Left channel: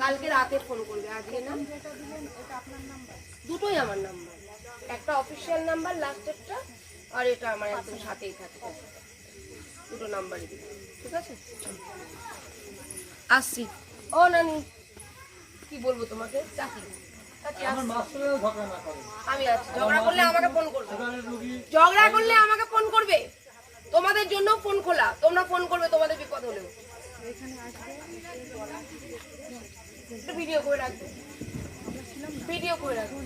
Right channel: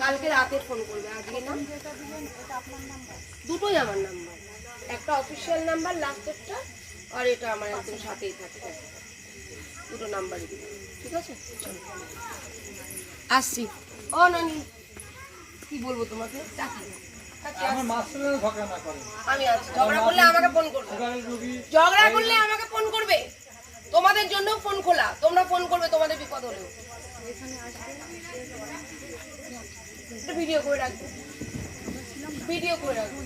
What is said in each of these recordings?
কালকে রাতে ফোন করবে, আজকে না। দুটোই আমার নাম্বার, একটা অফিসিয়াল নাম্বার লাস্টেরটা, আর এটা আমার একদম সাথেই থাকে, দুটো নাম্বারই দিই, ঠিক আছে? আসছি। ও নানি, কি বলবো তোমাকে? আমি আছি, ঝগড়া করলে আমাকে ফোন করবে, ঝগড়া করলে আমাকে ফোন করবে। তোমাদের জন্য ফোন খোলা, তোমরা ফোন করবে তোমাদের বিপদ হলেও। ভিডিও করে রাখবো, ভিডিও করে রাখবো,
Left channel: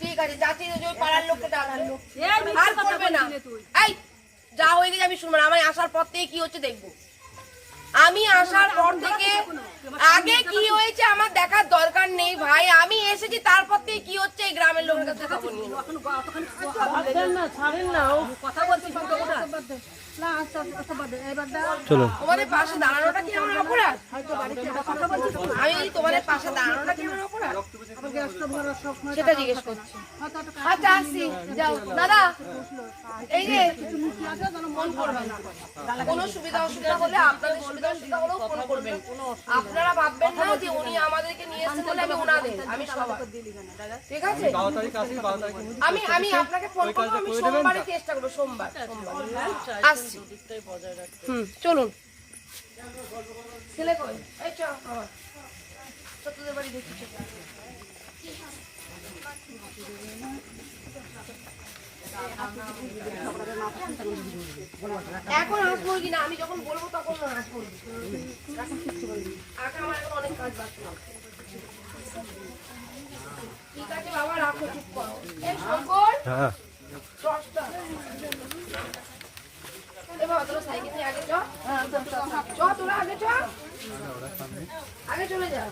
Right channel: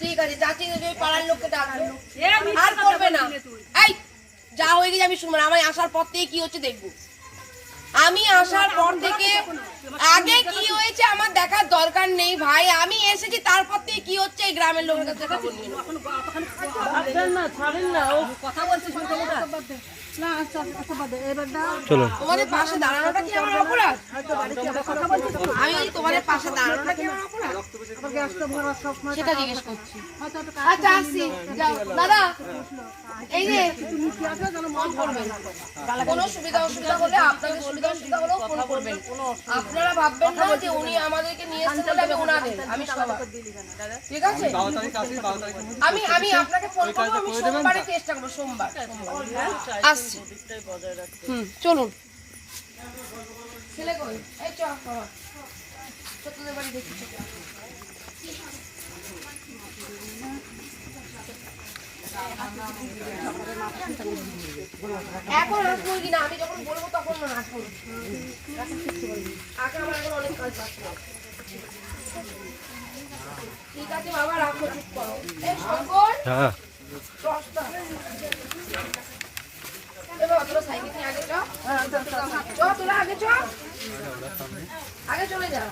ঠিক আছে? চাচি ওই পাড়ার লোককে ডাকবে, আর করবে না। এই যা হয়ে গেছে আমি শুনবো না, আমি আসার পর থেকে কি হচ্ছে দেখবো। আমি আসার পর থেকে আগে কি হয়েছে আমার দেখার দরকার নেই ভাই। আমি এসেছি, তারপর থেকে কি হচ্ছে এই গ্রামের লোকের কাছে খবর নিয়ে চলো। তোমাদের পাশে দাঁড়ানোটা কি আমার অপরাধ? আমি তোমাদের পাশে দাঁড়ানোটা কি আমার অপরাধ সেটা জিজ্ঞেস করছি। আচ্ছা আসছি, যাও দাদা। এই যে ফোন করবেন, কোনো সুবিধা অসুবিধা হলে আপনাদের সুবিধা অসুবিধা হলেও ফোন করবেন। আপনারা ভাববেন না যে উনি আমাদেরকে নিয়ে এসেছেন বলে আমি ওনাদের, আমি সবার, ঠিক আছে? আমি আমি আপনাকে ফোন করবো, আমি সোমবারে চেষ্টা করবো, সোমবার আসছি। চলুন। ছেলে কই? এই চ বাবা, তোদের বাড়ি দেখি। এখন আসবো কিনা আমি যখন বলবো তখন আসবো, আগে আমার এখন অনেক কাজ বাকি। ঠিক আছে বাবা, রাখো, চুপ করো। এই শঙ্কর, তোরা সাইকেল নিয়ে আগে চ, তোরা আগে চ, আগে চলে যা।